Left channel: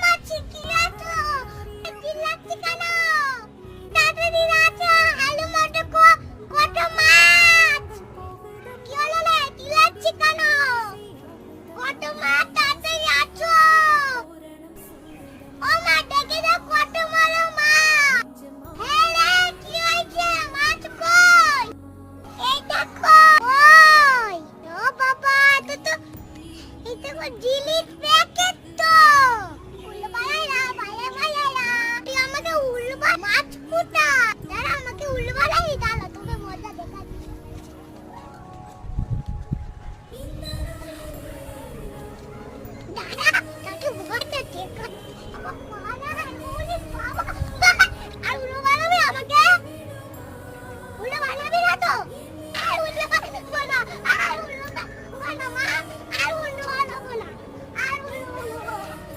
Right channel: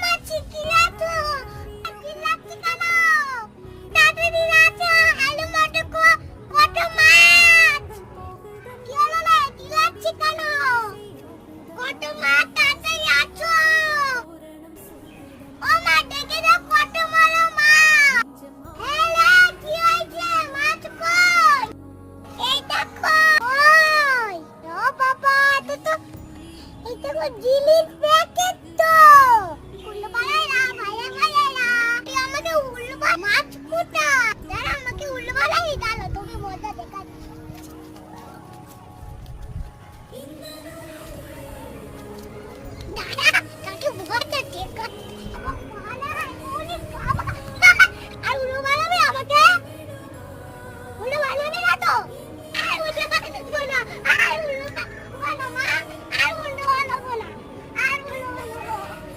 মাছি কি আছো? কি লাগছে কেন? তাড়াতাড়ি রাজা আলু মটর কত মাছ? কি হলো রে? কি লাগছে কেন? কত মাছ